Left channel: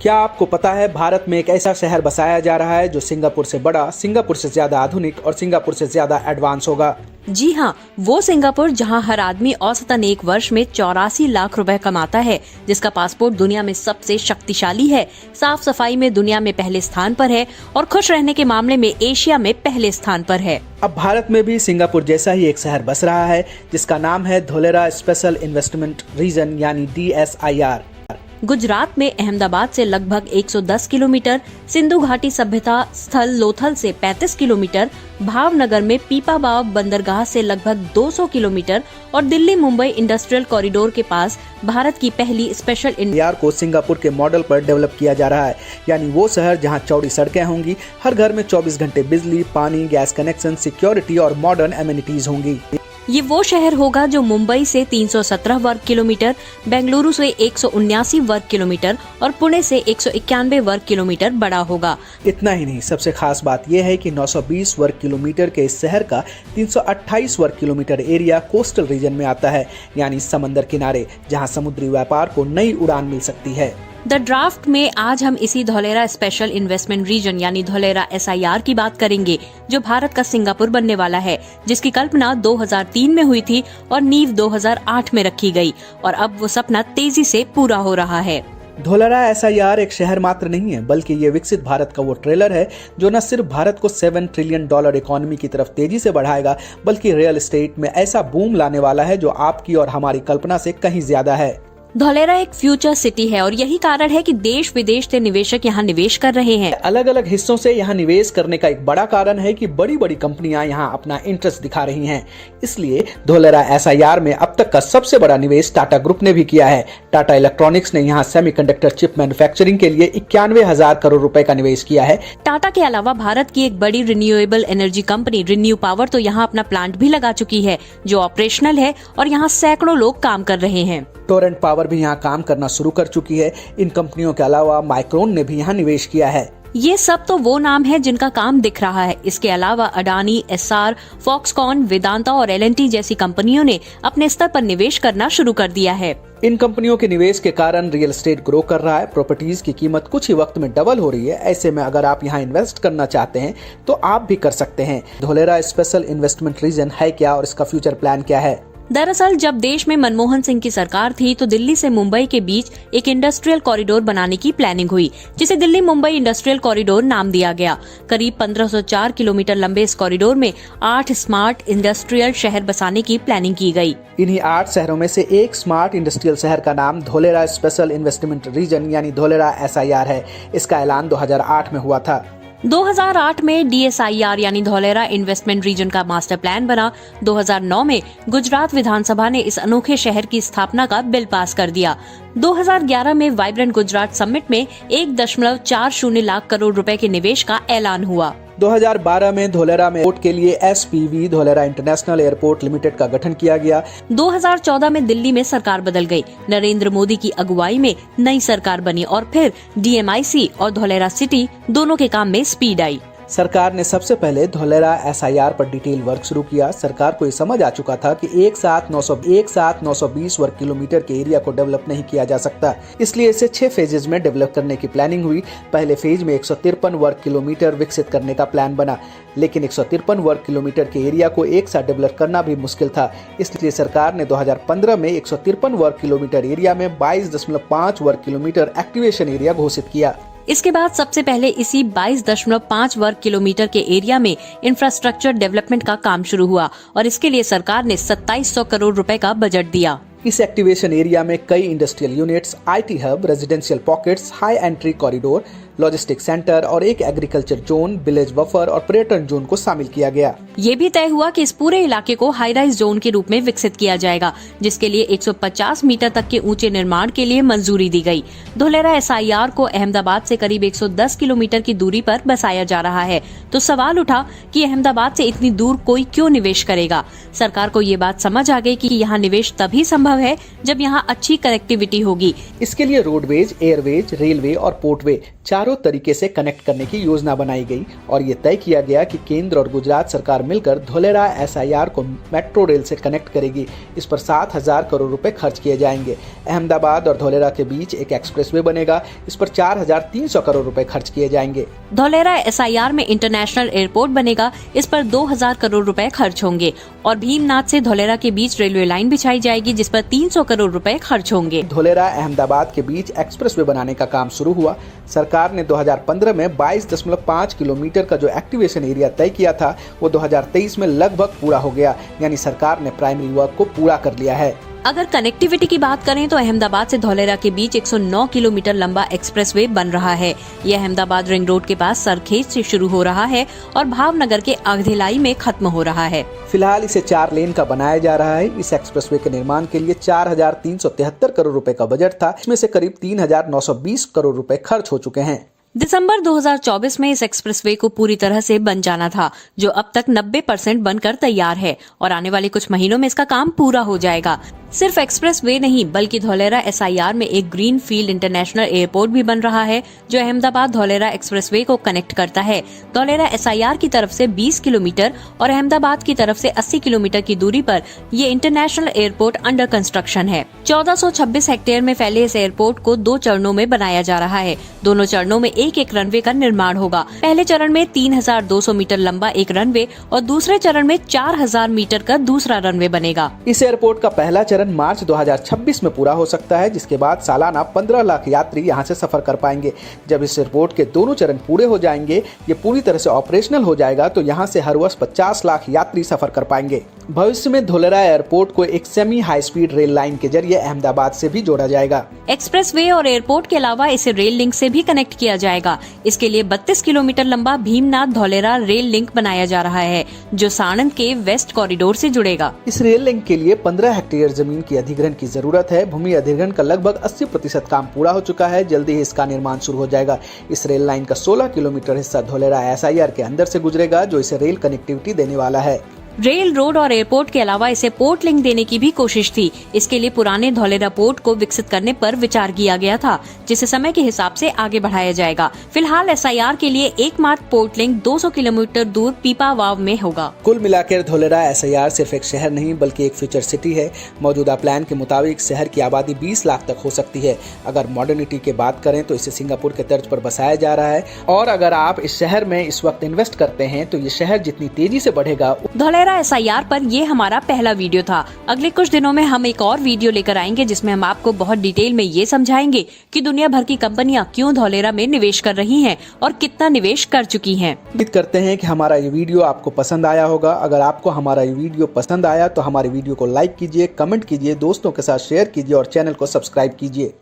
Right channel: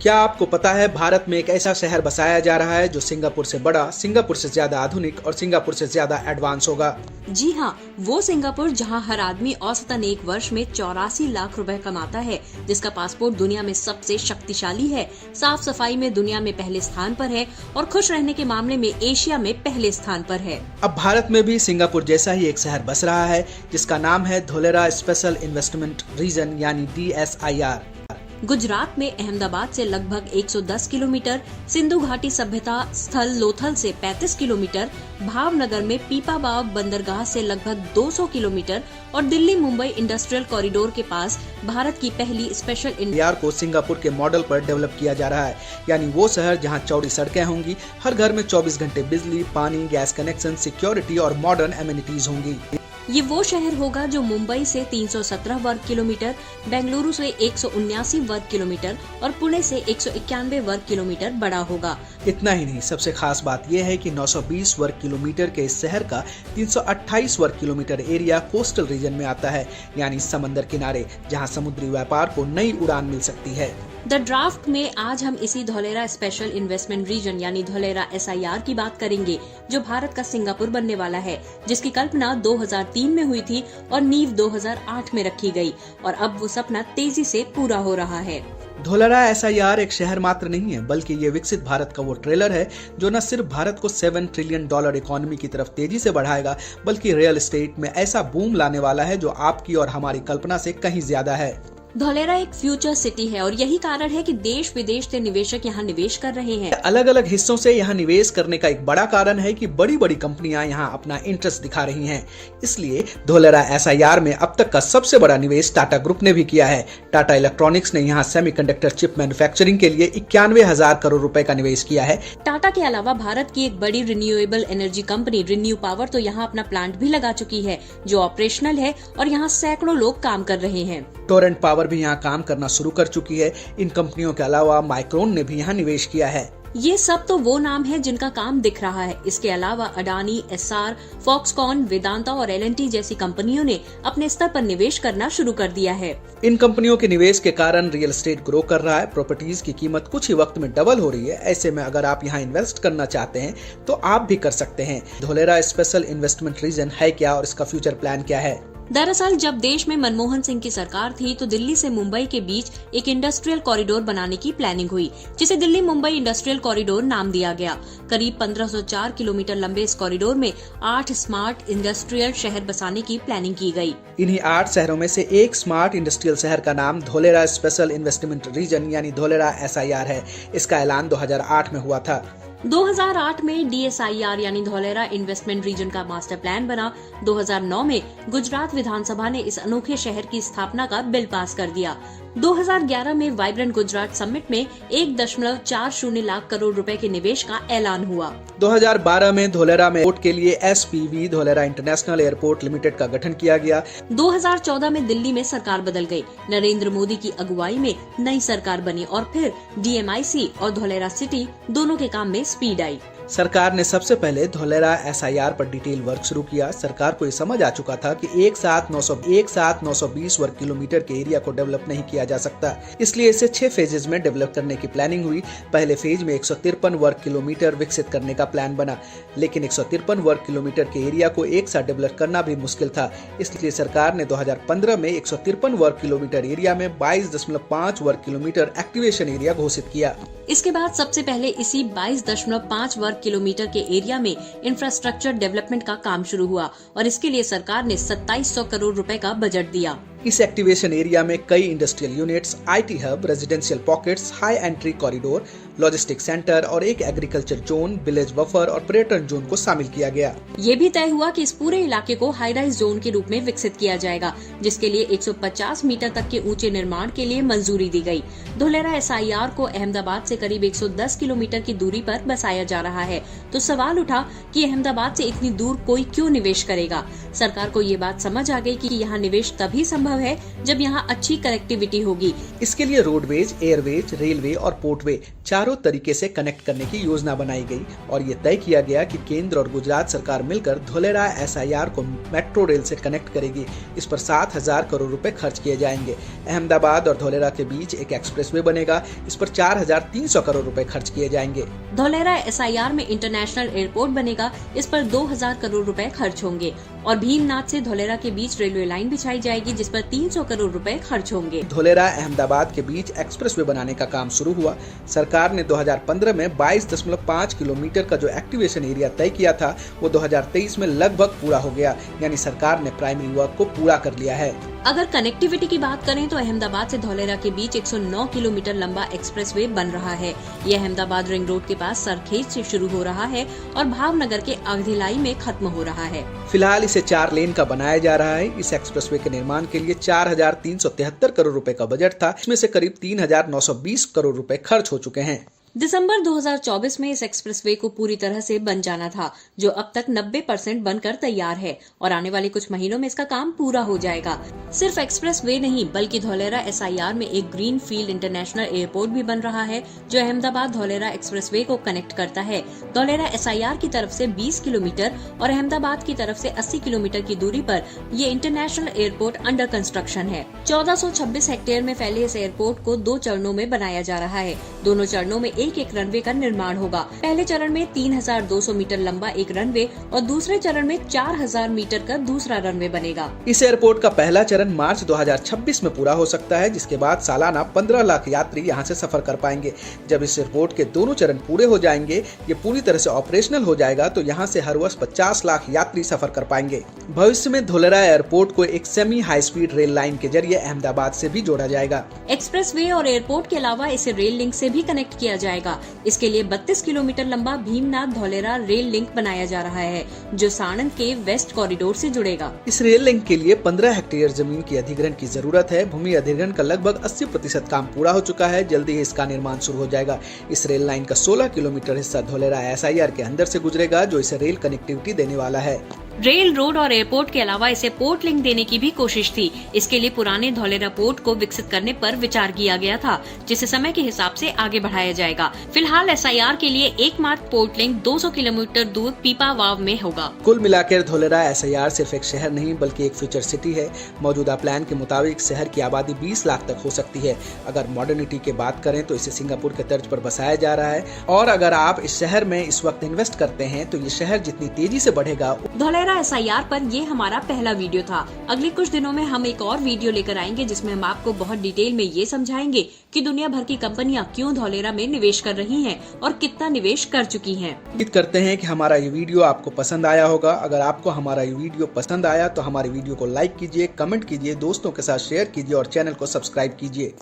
क्या आपको पता है भारत में एक ऐसा शहर बसाया जा रहा है जो सिंगापुर से बड़ा, सिंगापुर से ज्यादा आधुनिक और सिंगापुर से ज्यादा एडवांस होगा। जी हाँ, वो सिंगापुर जहाँ हर आदमी औसतन एक वर्ष में 84 लाख रुपए कमाता है, जिसका पासपोर्ट दुनिया में सबसे शक्तिशाली है, साफ सफाई में दुनिया में पहले स्थान पर है और खुश रहने के मामले में एशिया में पहले स्थान पर है। अब भारत में भी सिंगापुर जैसा ही एक शहर बस रहा है जिसका नाम है धोलेरा स्पेशल इन्वेस्टमेंट रीजन यानी DSIR। गुजरात में अहमदाबाद से लगभग 110 किलोमीटर, सिंधु घाटी सभ्यता स्थल लोथल से 35 किलोमीटर, भावनगर में पीपावाव बंदरगाह से लगभग 200 किलोमीटर और दिल्ली मुंबई इंडस्ट्रियल कॉरिडोर के पास भारत की पहली स्पेशल IR को सिंगापुर के मॉडल पर डेवलप किया जा रहा है, यानी वो शहर जहां चौड़ी सड़कें होंगी, हर घर में 24 घंटे बिजली, पानी, गैस कनेक्शन, सिक्योरिटी और मॉडर्न एमिनिटीज होंगी। ये वो शहर होगा जो मुंबई से 317 वर्ग किलोमीटर, बेंगलुरु से 179 वर्ग किलोमीटर और पुणे से 191 वर्ग किलोमीटर बड़ा होगा। इतना ही नहीं, सबसे खास बात यह है कि 920 वर्ग किलोमीटर के इस शहर का 328 वर्ग किलोमीटर एरिया कोस्टल रीजन में आता है, यानी समंदर किनारे, जहां समुद्री व्यापार को नई उड़ान मिल सकती है। द ड्राफ्ट में आज हम इसी धोलेरा स्पेशल इन्वेस्टमेंट रीजन यानी धोलेरा SIR की बात करेंगे, जो भारत का सिंगापुर बनने वाला है, जिसकी कल्पना 2003 में हुई थी और नींव 2008 में रखी गई और अब वो सपना तेजी से पूरा हो रहा है। धोलेरा SIR एक शहर मात्र नहीं है, बल्कि ये विकसित भारत का वो ट्रेलर है जो न सिर्फ भारत को $7 ट्रिलियन इकोनॉमी की तरफ तेजी से बढ़ाएगा, बल्कि रियल एस्टेट में ऐसा बूम लाने वाला है जो आपकी और हमारी कल्पना से कहीं ज्यादा है। धोलेरा एक फ्यूचर सिटी है और यही कारण है कि देश विदेश से निवेशक यहाँ निवेश कर रहे हैं। अलग अलग हिस्सों से यहाँ निवेश करने का एक बड़ा कारण है कि बड़ी बड़ी कंपनियां यहाँ अपना इंटरेस्ट दिखा रही हैं। इसलिए धोलेरा SIR में अब तक का सबसे बड़ा निवेश टाटा ग्रुप ने भी किया है। टाटा इलेक्ट्रॉनिक्स ने यहाँ सेमीकंडक्टर चिप मैन्युफैक्चरिंग के लिए 91,000 करोड़ रुपए का निवेश किया है। टाटा के अलावा भारत की एक बड़ी renewable energy company renew power तो यहाँ अपना प्लांट भी लगा चुकी है, जो ऑपरेशनल है और यहाँ सैकड़ों लोग काम कर रहे हैं। टोरेंट पावर भी यहाँ काम करना शुरू कर चुकी है। इन कंपनियों के अलावा माइक्रोन ने भी यहाँ निवेश किया है। ये सब तो वो नाम है जिनका काम दिख रहा है। इसके अलावा अडानी, SR, फॉक्सकॉन, वेदांता और LNT जैसी कंपनियों ने अपने स्तर पर निवेश करना शुरू कर दिया है। इन कंपनियों के निवेश के कारण रियल एस्टेट ग्रो कर रहा है। प्रॉपर्टीज की कीमत कुछ ही वक्त में डबल हो रही है। ऐसे में अगर आप यहाँ इन्वेस्ट करना चाहते हैं तो आप भी कर सकते हैं। धोलेरा स्पेशल इन्वेस्टमेंट रीजन है क्या और इसका फ्यूचर प्लान क्या है? दरअसल जब देश में मनमोहन सिंह की सरकार थी तो दिल्ली से मुंबई के बीच एक इंडस्ट्रियल कॉरिडोर बनाने की प्लानिंग हुई, जिसे दिल्ली मुंबई इंडस्ट्रियल कॉरिडोर नाम दिया गया। करीब 1504 किलोमीटर लंबे इस कॉरिडोर में 8 स्मार्ट इंडस्ट्रियल शहर बसाने की प्लानिंग की गई। इन्हीं 8 शहरों में से एक स्मार्ट इंडस्ट्रियल शहर का नाम धोलेरा स्पेशल इन्वेस्टमेंट रीजन यानी धोलेरा SIR है। इसका ऐलान 2008 में हुआ था। 2008 में DSIR यानी धोलेरा इन्वेस्टमेंट रीजन का मास्टर प्लान बना। 2009 में गुजरात विधानसभा ने इस अनोखे शहर की स्थापना का बिल पास कर दिया। 2011 में वाइब्रेंट गुजरात समिट में 1.40 लाख करोड़ रुपए के निवेश का ऐलान हुआ। 2012 में धोलेरा में एयरपोर्ट के लिए SPV Dholera international airport limited का गठन किया गया। 2014 में दिल्ली में सरकार बदल गई। नरेंद्र मोदी की अगुवाई में नई सरकार बनी और फिर DMIC और धोलेरा सिटी दोनों के काम में स्पीड आई। सरकार ने सबसे पहले धोलेरा SIR पर डिटेल वर्क शुरू किया। सरकार को ये समझ आ चुका था कि एक साथ 920 वर्ग किलोमीटर के एरिया को डेवलप नहीं किया जा सकता, इसलिए इसे 6 फेजेज में डेवलप करने की प्लानिंग हुई। पहले फेज में 153 वर्ग किलोमीटर विकसित करने का प्लान बना, लेकिन 153 वर्ग किलोमीटर के एरिया को एक साथ डेवलप करना भी मुश्किल था। इसलिए सरकार ने 2015 में 153 वर्ग किलोमीटर एरिया में 22.5 वर्ग किलोमीटर एक्टिवेशन एरिया घोषित किया। इसके बाद सबसे पहले इसी 22.5 वर्ग किलोमीटर के एरिया में इंफ्रास्ट्रक्चर डेवलपमेंट का काम शुरू हुआ और इसके लिए सरकार ने 2700 करोड़ रुपए का बजट दिया। इस एक्टिवेशन एरिया में कई industrial units, IT hub, residential pockets, high entry corridor, logistic centre और एक एग्रीकल्चर जोन, विलेज बफर और पर्यटन जोन को शामिल किया गया। ये भी तय हुआ कि इस पूरे इलाके को हाई राइज जोन के रूप में विकसित किया जाएगा, जिसके लिए 150 मीटर तक के ऊंचे निर्माण के लिए मंजूरी दी गई। धोलेरा SIR को अहमदाबाद से करीब 110 किलोमीटर की दूरी पर बसाया जा रहा है, तो सवाल उठा कि अहमदाबाद से इतनी दूर कोई क्यों निवेश करेगा। सरकार को ये बात समझ आ गई कि यहाँ निवेश तभी संभव है जब यहाँ अच्छी कनेक्टिविटी होगी। इसके लिए रोडवेज, एयरवेज, रेलवे और पोर्टवे चारों तरीके से कनेक्ट करने की योजना बनाई गई और ये तय किया गया कि केंद्र और गुजरात सरकार मिलकर धोलेरा SIR को मेट्रो रेल से कनेक्ट करेगी। इस पर 7,000 करोड़ रुपए खर्च किए जाएंगे। अहमदाबाद और धोलेरा के बीच एक एक्सप्रेसवे बनेगा। इस पर 4,300 करोड़ रुपए खर्च किए जाएंगे। धोलेरा SIR में इंटरनेशनल एयरपोर्ट बनेगा। इस पर 2,000 करोड़ रुपए खर्च होंगे और भीमनाथ से धोलेरा के बीच रेलवे लाइन बिछाई जाएगी जिस पर 300 करोड़ रुपए खर्च होंगे। धोलेरा अहमदाबाद के बीच एक्सप्रेसवे बनाने का काम शुरू हुआ। सरकार ने 2015 में 22.5 किलोमीटर का जो एक्टिवेशन एरिया तय किया था वो 2023 में लगभग पूरा हो गया, यानी सरकार ने प्राइमरी वर्क को पूरा कर लिया है। अगर कनेक्टिविटी की बात करें तो अहमदाबाद से धोलेरा के बीच 109 किलोमीटर लंबा एक्सप्रेसवे बन रहा है। ये अहमदाबाद रिंग रोड के पास सरखेज से शुरू हो रहा है और भावनगर के आगधिलाई में खत्म हो रहा है। फिलहाल इसे 4 लेन का बनाया जा रहा है। इस एक्सप्रेसवे के निर्माण के लिए 4,373 करोड़ रुपए का बजट था, इसमें से करीब 3,920 करोड़ रुपए खर्च हो चुके हैं। दिसंबर 2024 में इस एक्सप्रेसवे को पूरी तरह से बन जाना था, जो अब तक 90% बनकर तैयार है और आने वाले कुछ महीनों में इसका काम पूरा हो जाएगा। सिर्फ एक्सप्रेसवे नहीं बल्कि धोलेरा SIR में एक ग्रीन फील्ड इंटरनेशनल एयरपोर्ट भी बन रहा है जो अहमदाबाद धोलेरा एक्सप्रेसवे को कनेक्ट करता है। धोलेरा SIR की तरफ से 20 किलोमीटर और अहमदाबाद की तरफ से 80 किलोमीटर की दूरी पर ये इंटरनेशनल एयरपोर्ट अंडर कंस्ट्रक्शन है। 1426 हेक्टेयर में फैले इस एयरपोर्ट को 2 चरणों में बनाया जा रहा है। दोनों चरणों में एक रनवे का निर्माण होगा। पहले चरण में 3,200 मीटर लंबा एक रनवे और दूसरे चरण में 4,000 मीटर का दूसरा रनवे बनेगा। इस एयरपोर्ट का पहला चरण मार्च 2026 में पूरा हो सकता है, जिसके बाद सालाना 15 लाख यात्री यहां से सफर कर पाएंगे। जब इस एयरपोर्ट के दोनों चरण पूरे हो जाएंगे, ये पूरी तरह से ऑपरेशनल हो जाएगा तो यहां से हर वर्ष 50 लाख यात्री सफर कर पाएंगे। भविष्य में धोलेरा एयरपोर्ट को एक semi high speed rail line के जरिए अहमदाबाद से भी जोड़ा जाएगा। एक्सप्रेसवे और एयरपोर्ट के अलावा इसे रेल लिंक से भी कनेक्ट किया जाएगा। इसके लिए 32 किलोमीटर लंबा भीमनाथ धोलेरा रेल लिंक बनाया जा रहा है जो साणंद के वेस्ट कॉरिडोर से जुड़ेगा। इस रेल लिंक के लिए 15 हेक्टेयर जमीन की अधिग्रहण की जरूरत है। भूमि अधिग्रहण का लगभग 80% काम पूरा हो चुका है। जल्दी ही इसका निर्माण शुरू हो जाएगा। इस रेल लाइन का 16 किलोमीटर हिस्सा धोलेरा SIR के अंदर से गुजरेगा जो इसे रेल कनेक्टिविटी देने वाला है। रेल, रोड और एयरपोर्ट के अलावा इसे पोर्ट लिंक देने की भी कोशिश थी। इसके लिए पुराने धोलेरा पोर्ट को विकसित करने पर विचार किया गया था, जिसे समय के हिसाब से आगे बढ़ाया जाएगा। फिलहाल SIR के लिए एकमात्र पोर्ट लिंक 200 किलोमीटर दूर पीपावाव में होगा। कुल मिलाकर धोलेरा SIR सिर्फ एक शहर नहीं बल्कि एक फ्यूचर सिटी है। मौजूदा प्लान के मुताबिक शहर की आबादी 20 लाख तक हो सकती है। अगर मॉडर्निटी की बात करें तो इसे सिंगापुर के तर्ज पर बसाया जा रहा है और अगर आप इस शहर में इस वक्त इन्वेस्ट करते हैं तो ये शहर जितनी तेजी से बढ़ेगा। धोलेरा SIR पर ये हमारा पहला वीडियो था। अगले कुछ दिनों में हम एक और वीडियो लेकर आएंगे जिसमें हम आपको बहुत डिटेल में ये समझाएंगे कि दुनिया भर की कंपनियां क्यों धोलेरा में निवेश कर रही हैं और कितना निवेश कर चुकी हैं। उम्मीद करते हैं कि हमारा ये वीडियो आपको पसंद आया होगा। अगर आपको हमारा ये वीडियो पसंद आया तो हमारे वीडियो को लाइक कीजिए, कमेंट कीजिए, दोस्तों के साथ शेयर कीजिए और चैनल को सब्सक्राइब कीजिए।